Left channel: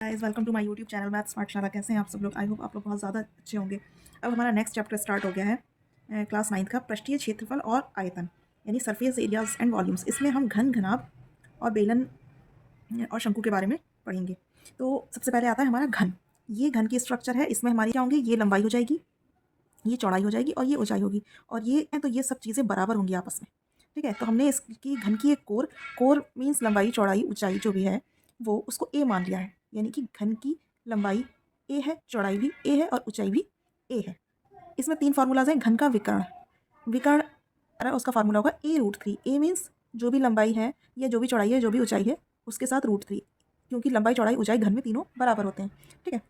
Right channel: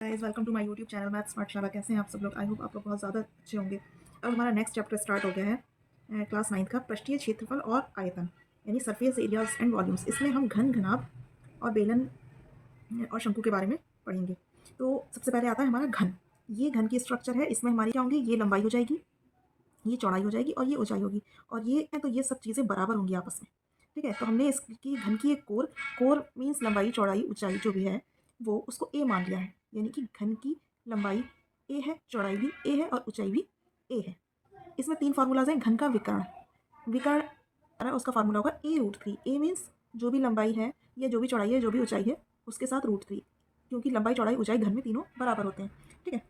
Guys welcome to my YouTube channel math smart Shala. कैसे हैं आप सब लोग? आई होप आप लोग बहुत ज़्यादा अच्छे होंगे। अब हमारा नेक्स्ट चैप्टर स्टार्ट हो गया है क्लास 9 का पृष्ठीय क्षेत्रफल और आयतन यानी सरफेस एरियाज एंड वॉल्यूम्स। इसमें हम घन, घनाभ और बेलन और शंकु के बारे में पढ़ेंगे। तो सबसे पहले आता है हमारा घन। ये घन की स्ट्रक्चर है। इसमें हमारी क्या होंगी? ये लंबाई हो जाएगी, ये चौड़ाई हो जाएगी और ये ऊंचाई होगी। और ये तो ये सब चीज़ें बराबर होंगी आपस में। ठीक है, तो हमने इसकी घन की एक कोर, कोर मीन्स लंबाई, चौड़ाई, ऊंचाई जो भी है वो उसको ए मान लिया है। यानी कि घन की लंबाई ए है, चौड़ाई भी ए है और ऊंचाई भी ए है। इसमें 3 फार्मूलाज हैं। घन का विकर्ण, विकर्ण उसका फार्मूला होगा a√3। ए मीन्स जो भी लंबाई है या जो भी चौड़ाई है, जो भी ऊंचाई है, उसके साथ √3, क्योंकि लंबाई, चौड़ाई, ऊंचाई घन में तीनों बराबर होते हैं। ठीक है,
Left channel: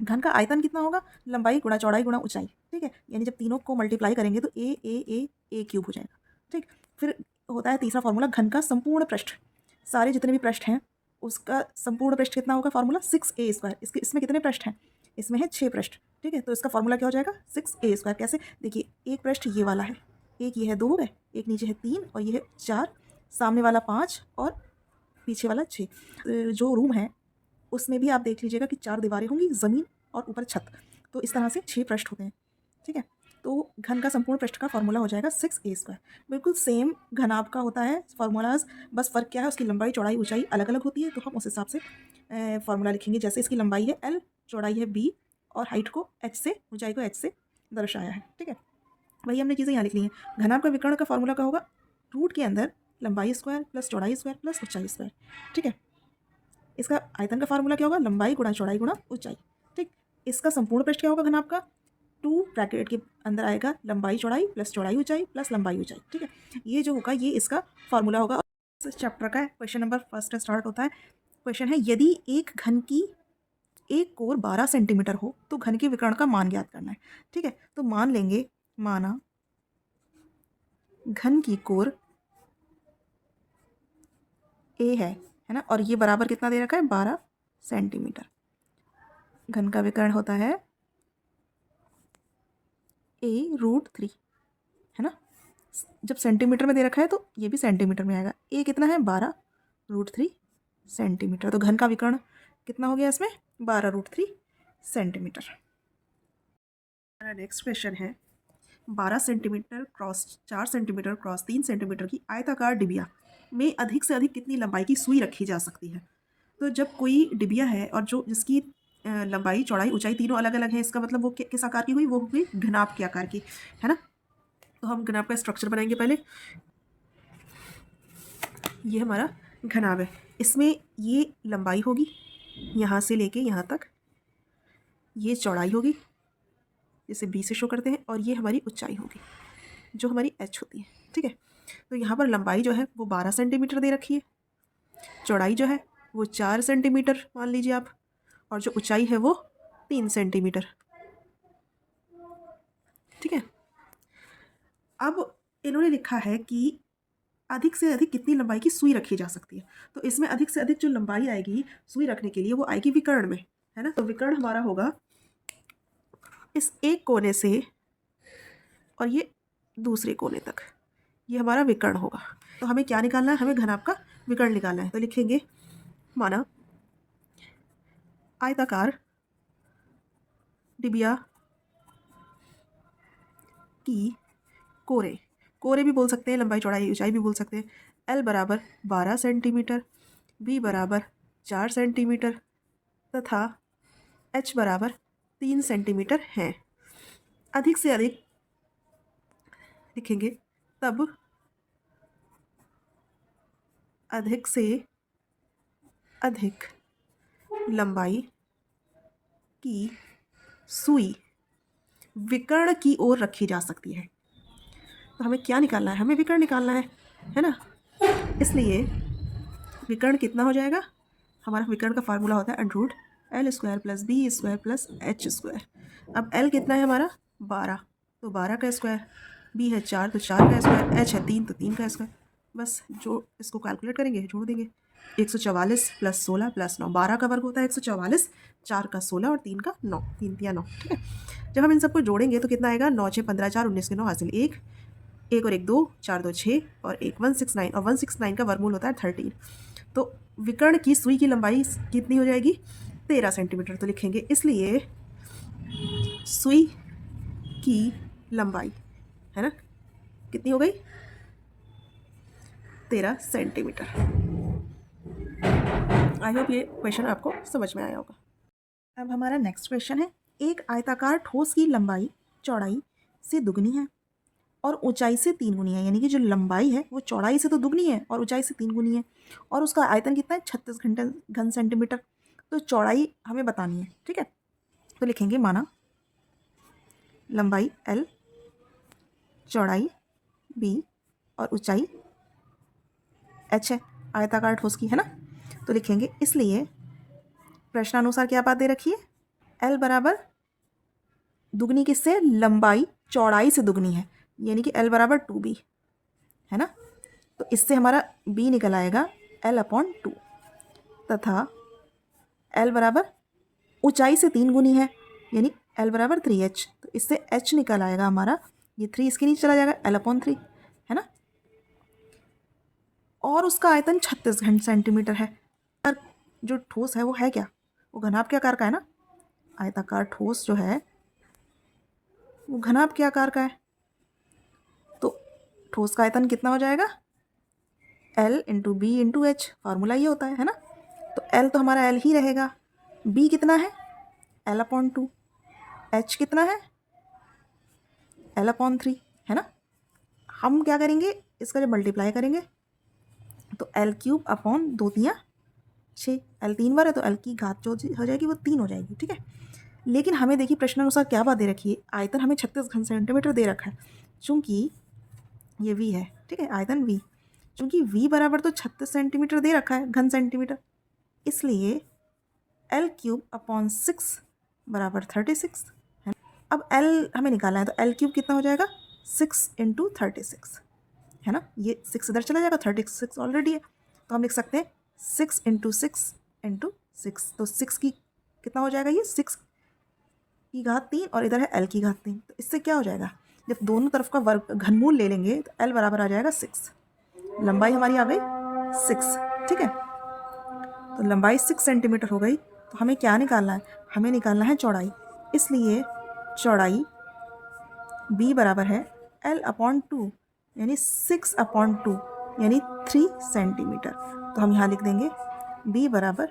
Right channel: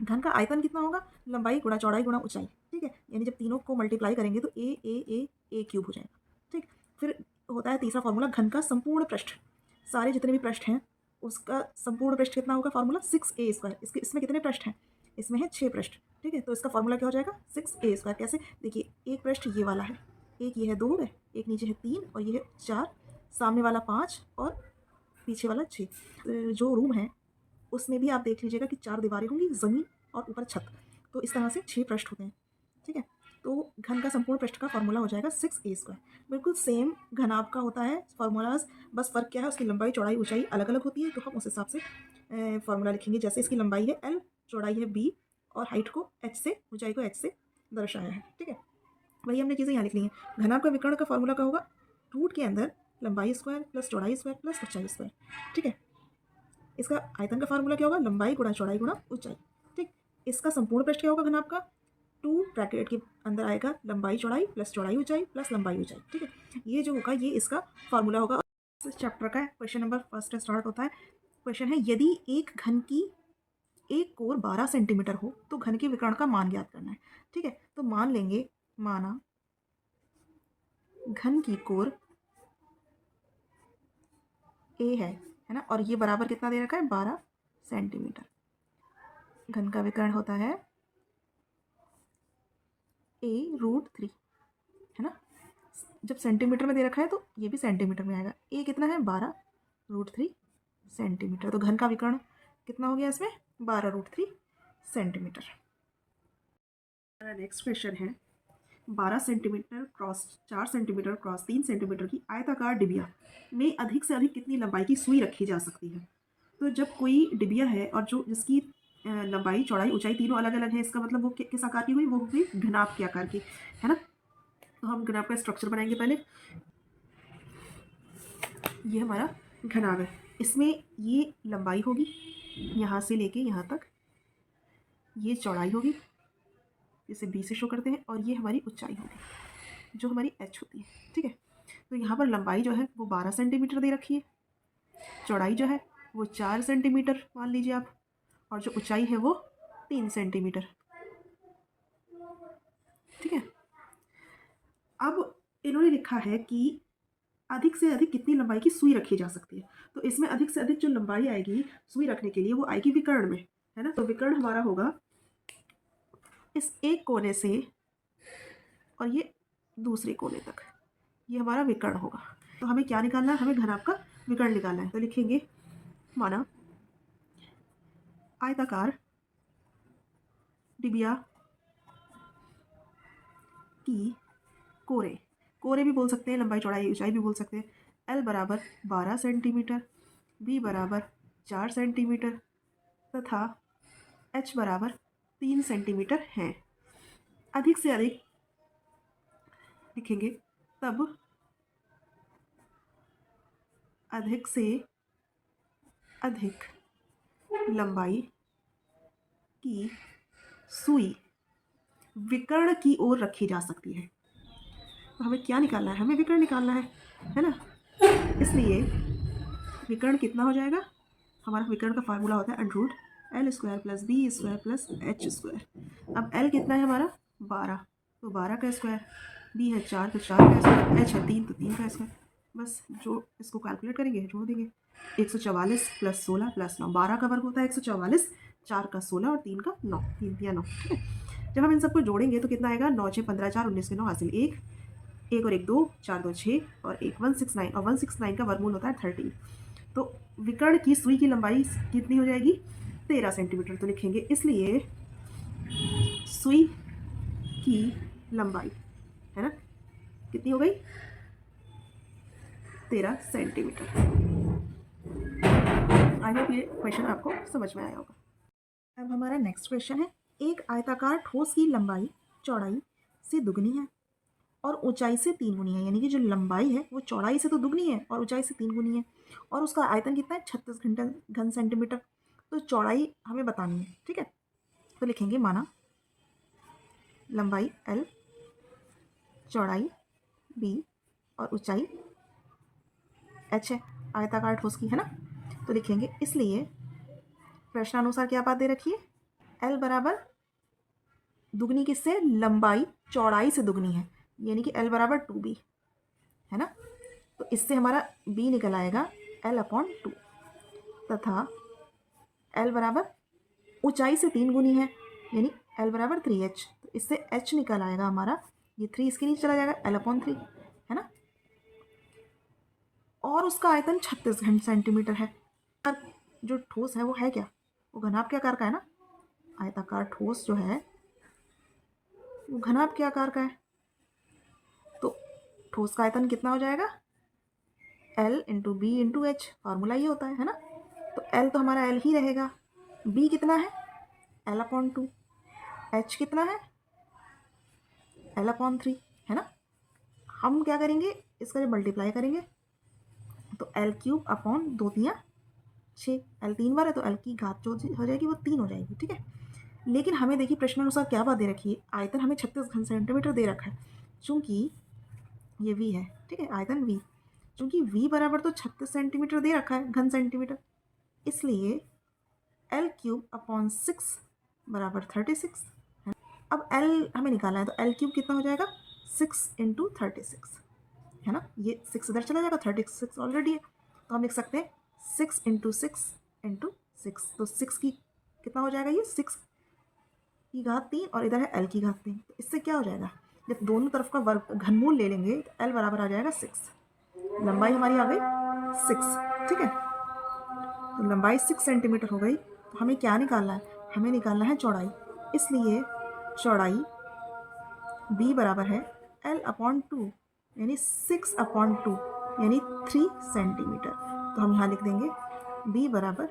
घन का आयतन कितना होगा? लंबाई गुणा चौड़ाई गुणा ऊंचाई। ठीक है, यानी जब तीनों को मल्टीप्लाई करेंगे तो ए क्यूब हो जाएगा। ठीक, फिर होता है तीसरा फार्मूला घन का संपूर्ण पृष्ठ। सारे जितने भी पृष्ठ हैं उसका संपूर्ण पृष्ठ कितना होगा? Formula 6a²। इसमें कितने पृष्ठ हैं? इसमें है 6 पृष्ठ। ठीक है, तो इसका फार्मूला क्या हो जाएगा? 6a²। कैसे? देखिए, एक पृष्ठ ये वाला है, एक ये है 2 है, एक नीचे है 3 और ये है 4, सामने वाला 5 और पीछे वाला 6। जो रूम है उसमें भी आप देख लीजिएगा कि 4 दीवारें होंगी, ज़मीन और ऊपर छत। तो इस तरह से 6 पृष्ठ होते हैं। ठीक है, तो घन का संपूर्ण पृष्ठ का फार्मूला हो जाएगा 6a²। बिल्कुल सेम घनाभ का होता है फार्मूलाज, बस फ़र्क क्या है? उसकी लंबाई, चौड़ाई, ऊंचाई अलग अलग होती है। तो हम उस हिसाब से फार्मूला लिखेंगे। जैसे इसकी लंबाई है l, चौड़ाई है b और हाइट को h से, ऊंचाई को h से दर्शाया है। ठीक है, वही हमने चीज़ें यहाँ लिख ली हैं। घनाभ का विकर्ण का फार्मूला क्या होगा? रूट के अंदर लंबाई स्क्वायर प्लस चौड़ाई स्क्वायर प्लस ऊंचाई स्क्वायर। ठीक है, इसका आयतन का फार्मूला क्या होगा? लंबाई गुणा चौड़ाई गुणा ऊंचाई। ठीक, इसका संपूर्ण पृष्ठ क्या होगा घनाभ का? 2 ब्रैकेट के अंदर आएगा लंबाई चौड़ाई प्लस चौड़ाई ऊंचाई प्लस लंबाई ऊंचाई। ठीक है, ये जो होगा ये इसका फार्मूला होगा। इस चैप्टर का क्वेश्चन नंबर फर्स्ट स्टार्ट होता है। क्वेश्चन है, यदि एक घन की एक कोर 12 सेंटीमीटर हो तो घन के विकर्ण का मान ज्ञात करना है। ठीक है, तो मान लेंगे, माना घन की कोर ए है ना, और ये बराबर कितना दे रखा है? 12 सेंटीमीटर। घन का विकर्ण होता है a√3, है ना। जब सेंटीमीटर में दे रखा है तो ये भी सेंटीमीटर में आएगा। ए कितना है? 12√3 सेंटीमीटर। तो घन का विकर्ण कितना हो गया इसमें? 12√3 सेंटीमीटर। नेक्स्ट क्वेश्चन है, 12 centimetre cross 4 centimetre cross 3 centimetre की आयताकार डिबिया में अधिक से अधिक कितनी लंबाई की सुई रखी जा सकती है? तो जब कोई डिबिया है और जो जिसकी लंबाई, चौड़ाई, ऊंचाई तीनों अलग अलग है, इसका मतलब वो किस आकार की हुई? वो हुई घनाभ के आकार की, है ना। तो हम घनाभ का स्ट्रक्चर बनाएंगे पहले। ये हमारा घनाभ है। इसमें ये लंबाई होगी यहाँ से लेके यहाँ तक, ये चौड़ाई होगी जिसे b से शो करते हैं, और ये हमारी ऊंचाई होगी जो हमारी h होती है। ठीक है, तो यहाँ पर लंबाई जो है वो 12 सेंटीमीटर दे रखी है, चौड़ाई जो है वो 4 सेंटीमीटर मान लीजिए आप, और जो ऊंचाई है वो 3 सेंटीमीटर। ठीक है, अब इन्होंने लिखा है कि अधिक से अधिक कितनी लंबाई की सुई रखी जा सकती है। तो इसमें अधिक से अधिक जो लंबाई आएगी सुई रखने के लिए वो आएगी विकर्ण में, है ना। तो विकर्ण हमारा होगा इस एक कोने से और ये दूसरे कोने तक, ये हमारा विकर्ण होगा। तो हमें क्या निकालना है? हमें घनाभ का विकर्ण निकालना है। तो लिखेंगे, माना आयताकार डिबिया की कोरे, कोरे भी बोल सकते हैं, लंबाई, चौड़ाई, ऊंचाई भी बोल सकते हैं। l बराबर 12 सेंटीमीटर, b बराबर 4 सेंटीमीटर तथा h बराबर 3 सेंटीमीटर है। अधिक से अधिक लिखेंगे, तब अधिक से अधिक लंबाई की सुई विकर्ण की ओर रखी जा सकती है। तो हमें क्या निकालना है? हमें विकर्ण निकालना है ना। इसलिए विकर्ण कितना हो जाएगा? हमारा विकर्ण का फार्मूला होता है √l² plus b² plus h²। अब l कितना है हमारा? 12, तो 12 का स्क्वायर, b है 4 तो 4 का स्क्वायर, h है 3 तो 3 का स्क्वायर। बस जो इसको कैलकुलेट करेंगे जोड़ देंगे, 144 प्लस 16 प्लस 9, 12 का वर्ग होता है 144, 4 का 16 और 3 का 9, 3 या 9। ठीक है, जब हम इन सबको जोड़ेंगे तो कितना आएगा? 9 6 15 4 19 के 9 हासिल 1, 1 और 1 2, 4 2 6 और 1 169, और 169 का वर्गमूल होता है 13। तो विकर्ण की सुई की लंबाई कितनी हो जाएगी? 13 सेंटीमीटर। तो लिखेंगे इसलिए सुई की लंबाई है ना कितनी हो गई 13 सेंटीमीटर। आई होप ये क्वेश्चन आपको समझ में आया होगा। अब हमारा नेक्स्ट क्वेश्चन है, एक आयताकार ठोस की लंबाई चौड़ाई से दुगनी है और ऊंचाई से 3 गुनी है, यानी कि जो लंबाई है वो चौड़ाई से तो दुगनी है और ऊंचाई से 3 गुनी है, और उसका आयतन कितना है 36 घन सेंटीमीटर। तो चौड़ाई हमें बतानी है, ठीक है। तो लिखेंगे माना लंबाई L, चौड़ाई B और ऊंचाई H है, आयताकार ठोस की है ना। तो लिखेंगे इसलिए प्रश्नानुसार क्या बात दे रखी है, L बराबर दुगनी किससे, लंबाई चौड़ाई से दुगनी है, यानी कि L बराबर 2B है ना। तो इससे हमारा B निकल आएगा L/2 तथा L बराबर ऊंचाई से 3 गुनी है, यानी L बराबर 3H। तो इससे H निकल आएगा हमारा, ये 3 इसके नीचे चला जाएगा L/3 है ना। और उसका आयतन 36 घन सेंटीमीटर है। और जो ठोस है वो है क्या, वो घनाभ के आकार का है ना। आयताकार ठोस जो है वो घनाभ के आकार का है। तो ठोस का आयतन कितना हो जाएगा, L × B × H, फार्मूला ये होता है ना। तो L तो हमारा L ही रहेगा, B कितना है L/2, H कितना है L/3 है ना। हम क्या करेंगे, इसका जब मल्टीप्लाई करेंगे तो L³ 2 × 6, L 3 बार है तो L की घात जो हो जाएगी वो 3 हो जाएगी, ठीक है। लेकिन हमें देखिए प्रश्नानुसार क्या बात दे रखी है, आयतन हमें 36 घन सेंटीमीटर दे रखा है, चूंकि ये V है, ठीक है, आयतन V, चूंकि V बराबर तो 36 सेंटीमीटर दे रखा है घन सेंटीमीटर, इसलिए L³ 6 = 36 है। अब L हमें निकालना है, तो L³ कितना हो जाएगा 6 × 36 है ना। ये 6 इधर चला जाएगा, 36 ऑलरेडी है, तो हम लिख सकते हैं 6 × 6 × 6। तो 6 की कितना हो जाएगा, ये 6 की घात 3 और इधर है L की घात 3। तो इससे क्या हो जाएगा, जब दोनों तरफ का वर्ग घनमूल ले लेंगे तो L बराबर आ जाएगा 6। लंबाई हमारी आ गई 6, ठीक है। तो लंबाई 6 सेंटीमीटर हो गई। तो हमें क्या निकालना है, हमें निकालना है चौड़ाई, इसलिए चौड़ाई B बराबर है L/2 यानी 6/2 यानी 3 सेंटीमीटर। तो हम यहाँ लिख देंगे B बराबर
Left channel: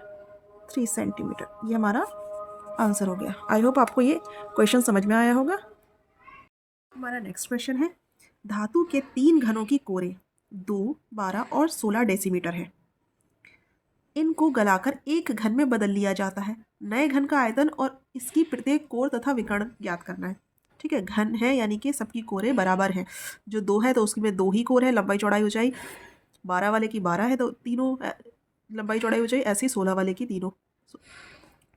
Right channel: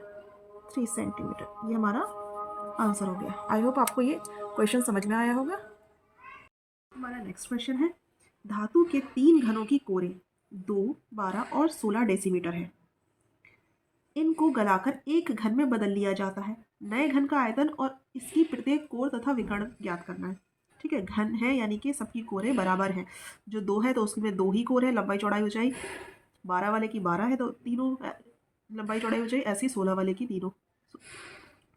3 सेंटीमीटर। ये हमारा आंसर हो गया। आई होप आपको ये क्वेश्चन समझ में आया होगा। हमारा नेक्स्ट क्वेश्चन है, धातु के 3 घनों की कोरें 2, 12 और 16 डेसीमीटर है। इनको गलाकर एक घन में बदल लिया जाता है। नए घन का आयतन और इसकी प्रत्येक कोर तथा विकर्ण ज्ञात करना है, ठीक है। घन है यानी कि सबकी कोरें बराबर है, जो 2 है तो उसकी में 2 ही कोर है, लंबाई चौड़ाई ऊंचाई। 12 वाले की 12 है तो तीनों लंबाई चौड़ाई ऊंचाई, ऐसे ही 16 वाले की तीनों,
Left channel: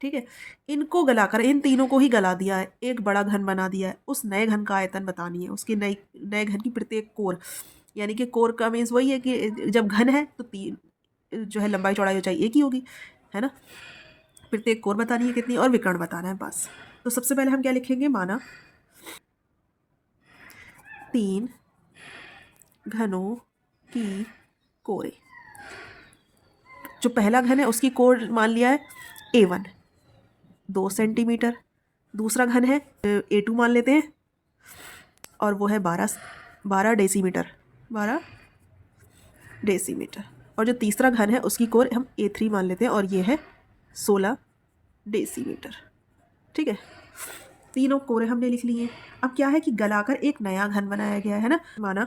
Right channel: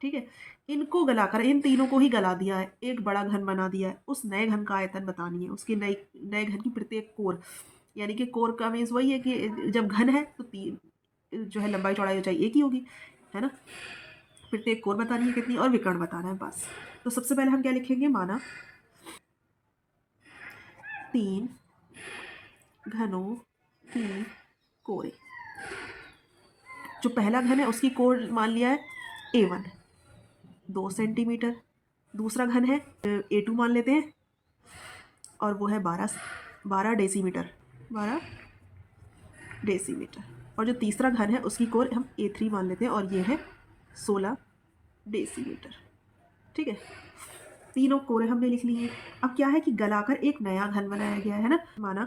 ठीक है। इनको गलाकर इन तीनों को ही गला दिया है, एक बड़ा घन बना दिया है। उस नए घन का आयतन बतानी है, उसकी नए घन की प्रत्येक कोर, यानी कि कोर का मीन्स वही है कि जब घन है तो 3 जो है लंबाई चौड़ाई ऊंचाई एक ही होगी, है ना। प्रत्येक कोर बतानी है कितनी और विकर्ण बताना है बस। तो सबसे पहले हम क्या लिखेंगे, माना 3 घनों की कोरें। जो पहला घन है उसकी कोर मान लिया है A1 2 सेंटीमीटर, दूसरा घन है A2 मान लेते हैं और वो है 12 डेसीमीटर, 12 डेसीमीटर। और जो तीसरा घन है उसकी कोर हम A3 मान लेते हैं और ये है 16 डेसीमीटर, ठीक है। तीनों कोरें हमने लिख ली हैं। अब क्या है कि गलाकर एक नया घन बनाया गया है ना। माना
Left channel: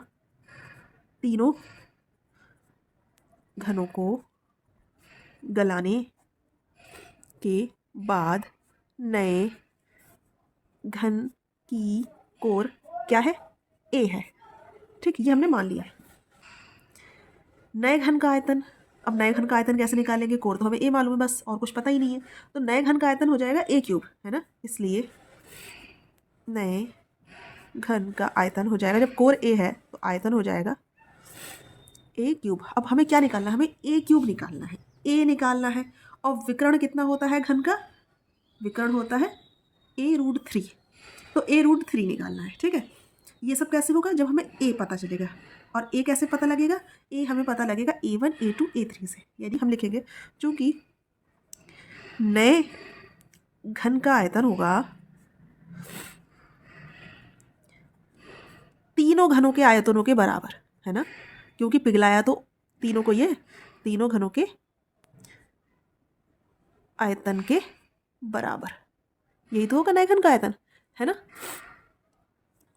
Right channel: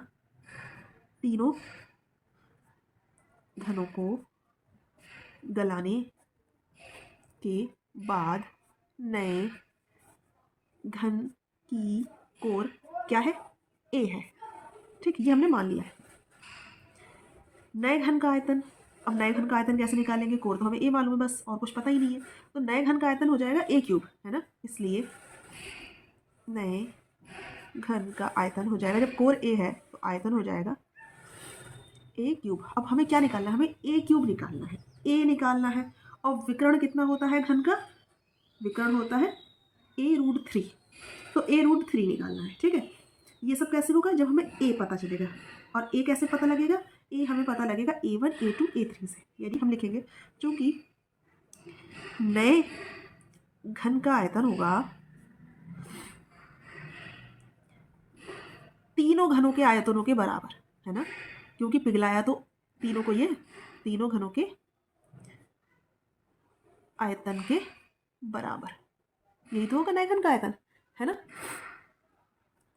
तीनों घनों को गलाने के बाद नए घन की कोर क्या है, A है, ठीक, ये हमने मान लिया है। नए घन का आयतन, अब नए घन का आयतन कैसे निकालेंगे, कोर तो हमें A मालूम है बस, और कुछ पता ही नहीं है। तो नए घन का आयतन हो जाएगा A³ है ना, इसलिए नए घन का आयतन हो जाएगा, जब कोर A है तो आयतन हो जाएगा A³। अब हमें क्या निकालना है, हमें A³ निकालना है, A निकालना है। और विकर्ण कितना होता है घन का, विकर्ण होता है A√3, तो A√3 निकालना है, ठीक है। ये सब कैसे होगा, जब हमें A पता चलेगा। और A कैसे पता लगेगा, A हमें पता लगेगा A1 A2 A3 से, यानी हम लिखेंगे चूँकि नए घन का आयतन होगा तीनों घनों के आयतनों के बराबर, है ना, क्योंकि पिघलाया तो तीनों को, ये तीनों घनों के आयतन के बराबर, यही तो होगा नए घन का आयतन, है ना।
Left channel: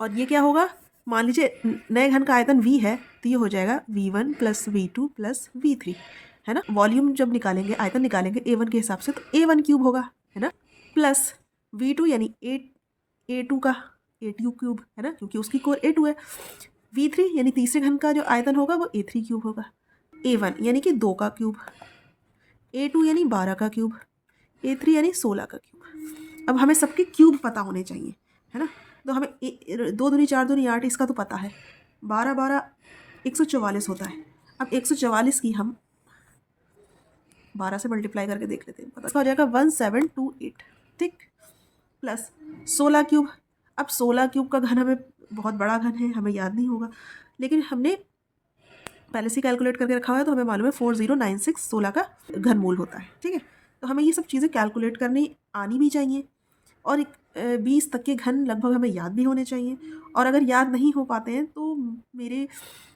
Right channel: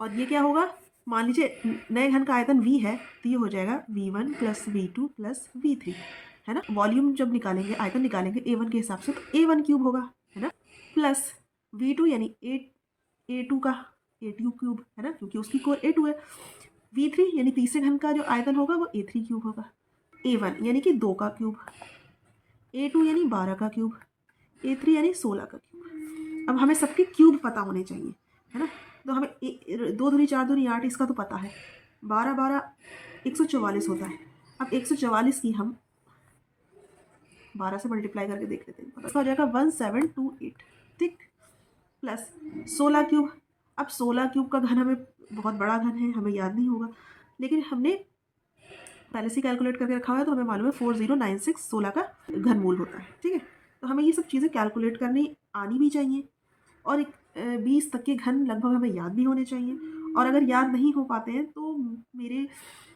और ये क्या होगा, मान लीजिए नए घन का आयतन v है, तो ये हो जाएगा v1 plus v2 plus v3, है ना। वॉल्यूम जब निकालेंगे, आयतन निकालेंगे a1 के हिसाब से, तो a1 क्यूब होगा, है ना, प्लस v2 यानी a2 का a2 क्यूब, है ना, क्योंकि उसकी कोर a2 है। v3 यानी तीसरे घन का जो आयतन होगा वो a3 क्यूब होगा। a1 यानी कि 2 का क्यूब, a2 यानी 12 का क्यूब, a3 यानी 16 का क्यूब। अब हमें सबके क्यूब पता होने चाहिए, है ना। तो हमें 2 दूनी 4 दूनी 8, इसका तो पता है, 12 12 144 होता है। अब 144 की हम 12 से मल्टीप्लाई करके देख लेते हैं, पता हो जाएगा 1728, ठीक, प्लस 16 क्यूब। अब 16 क्यूब का घन हमें बहुत बड़ा घन है, हमें याद नहीं होगा, लेकिन हमने पहले से कैलकुलेट करके रखा हुआ है, तो हमें मालूम है 4096 16 का घनमूल होता है, ठीक है। तो हमें ये सब चीज़ें कैलकुलेट करनी आनी भी चाहिए, और 20 तक के घन लगभग हमें याद भी होने चाहिए। और अगर याद नहीं हो पाते हैं तो मेरे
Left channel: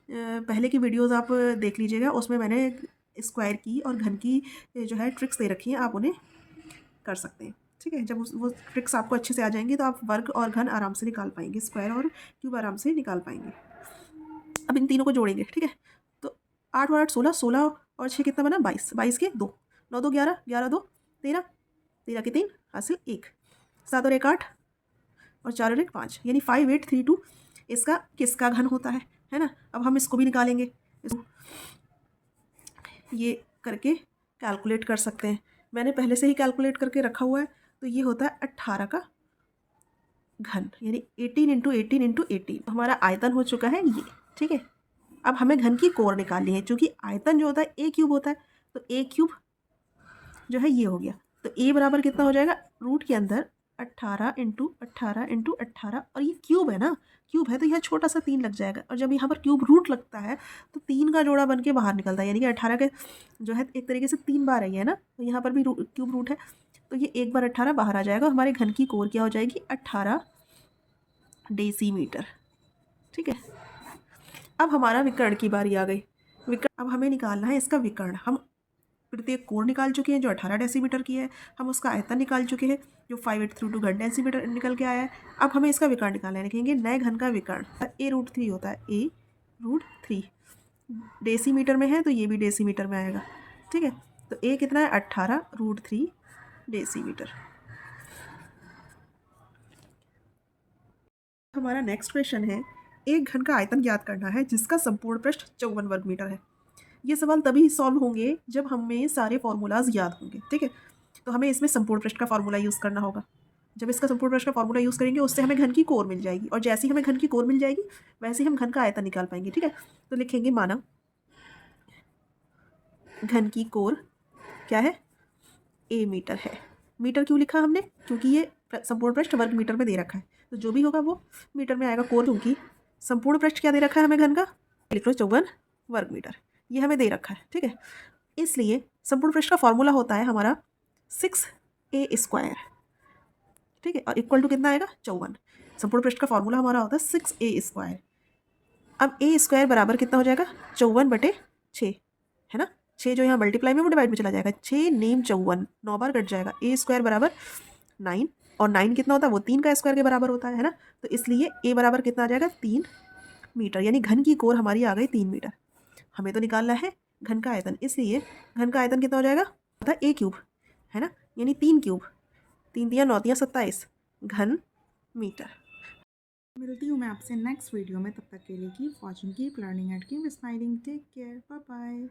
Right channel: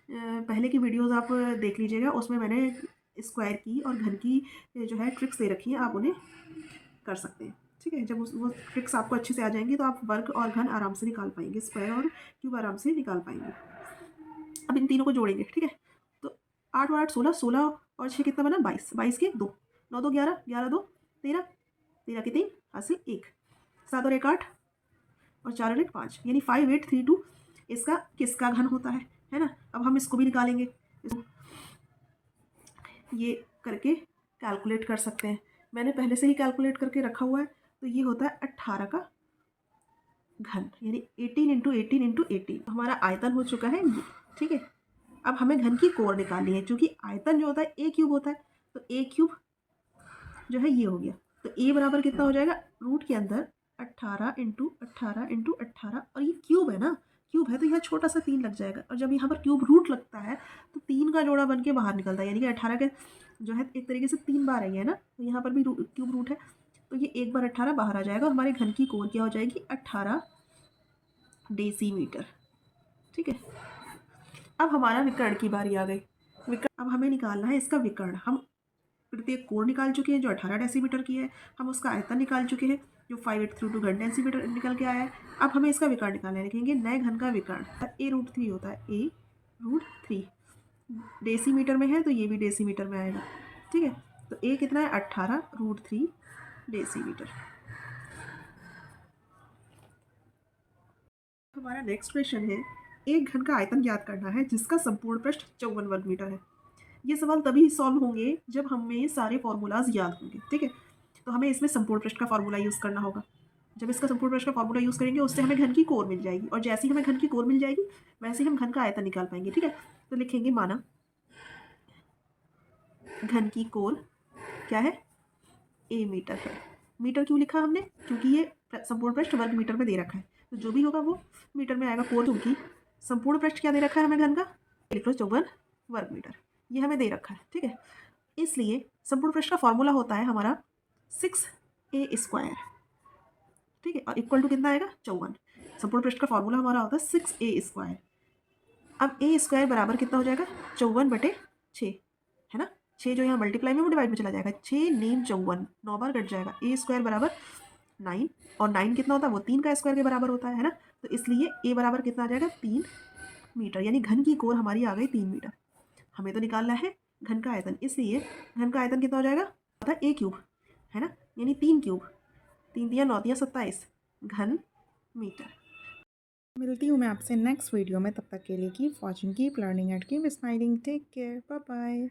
पहले की वीडियोस आप देख लीजिएगा, उसमें मैंने स्क्वायर की और घन की जो है ट्रिक्स दे रखी हैं, आप उन्हें कर सकते हैं, ठीक है। जब वो ट्रिक्स आपको अच्छे से आ जाएंगी तो आप वर्ग और घन आराम से निकाल पाएंगे, स्क्वायर और क्यूब आराम से निकाल पाएंगे। अब इन तीनों को जोड़ेंगे, ठीक है। तो 8 और 8 16, 16 और 6 कितना बना 22, 22 के 2, 9 2 11, 11 2 13, 13 के 3 हासिल 1, 7 और 1 8 और 4 और 1 5, यानी 5832 इसका किसका घन होता है ना। अब हम इसको भी निकालेंगे, ये करके कैलकुलेट कर सकते हैं, मैंने पहले से ही कैलकुलेट करके रखा हुआ है। तो ये होता है 18 का घन, यानी 18 इंटू 18 इंटू 18, हमारा आयतन हो चुका है ये, ठीक है। अब हमें घन की कोर निकालनी है, क्योंकि आयतन जो होता है a क्यूब होता है, तो a क्यूब जो है ये हो गया। तो a बराबर कितना हो जाएगा, रूट के अंदर 18 इंटू 18 इंटू 18, और ये क्यूब है ना, क्यूब है तो यहाँ छोटा सा 3 लग जाएगा, और जब यहाँ पर क्यूब रूट लगता है तो 3 का जोड़ा बन के बाहर निकलता है, यानी कि 18 के जो है एक तरीके से 3 बार आई है ना, तो यहाँ पर भी क्यूब रूट है, तो ये एक बार 18 बाहर आ जाएगा। हमारे घन की कोर क्या हो जाएगी, 18 डेसीमीटर, ठीक है। अब हमारा विकर्ण की बारी आ गई। विकर्ण अब हमें निकालना है इसका विकर्ण। हम प्रत्येक कोर निकाल चुके हैं जो 18 डेसीमीटर की है, हम उसका आयतन निकाल चुके हैं जो 5832 घन डेसीमीटर निकल के आया है। अब हमें इसका विकर्ण निकालना है, लिखेंगे नए घन का विकर्ण, a√3 होता है, a√3 डेसीमीटर में है तो ये भी डेसीमीटर में आएगा, ठीक है। तो a कितना है, 18√3 डेसीमीटर। हमारा नेक्स्ट क्वेश्चन है, एक घन का आयतन ज्ञात करना है जिसका संपूर्ण पृष्ठ 54 वर्ग मीटर है। ये सवाल तभी सॉल्व होंगे जब हमें सारे फॉर्मूलाज याद होंगे, ठीक है। तो हमें इसमें संपूर्ण पृष्ठ का फॉर्मूला यूज़ करना होगा। जब इसका संपूर्ण पृष्ठ का फॉर्मूला यूज़ करेंगे उससे हमें घन की कोर मिल जाएगी, और जैसे ही हमें घन की कोर मिल जाएगी वैसे ही हम घन का आयतन निकाल पाएंगे, ठीक है। तो लिखेंगे माना घन की कोर क्या है, a मीटर है। मीटर क्यों लिखा हमने, क्योंकि ये संपूर्ण पृष्ठ वर्ग मीटर में दे रखा है, तो जो भी होगा वो मीटर में आएगा। कोर क्योंकि संपूर्ण पृष्ठ क्या दे रखा है हमें घन का, लिख लो 54 वर्ग मीटर, ये हमें दे रखा है, ठीक है। इसलिए संपूर्ण पृष्ठ का फॉर्मूला होता है हमारा 6a², ठीक है, और इक्वल टू कितना आएगा 54। संपूर्ण पृष्ठ का फॉर्मूला हमारा होता है 6a²। अब a² बराबर कितना हो जाएगा, 54/6, है ना। 6 जो यहाँ मल्टीप्लाई में वो डिवाइड में चला जाएगा, 6 नेम 54, 9 बार कट जाएगा। a² बराबर 9, और 9 कितना होता है, वो 3 का स्क्वायर के बराबर होता है ना। तो इसलिए a बराबर कितना आ जाएगा 3 मीटर, यानी घन की कोर हमारी आ गई 3 मीटर। हमें तो निकालना है घन का आयतन, इसलिए घन का आयतन कितना हो जाएगा, होता है a क्यूब, है ना, यानी 3 क्यूब, 3 तिया 9 तिया 27 घन मीटर। मिलती हूँ मैं आपसे नेक्स्ट वीडियो में, तब तक के लिए keep watching, keep learning and keep smiling, take care, bye bye.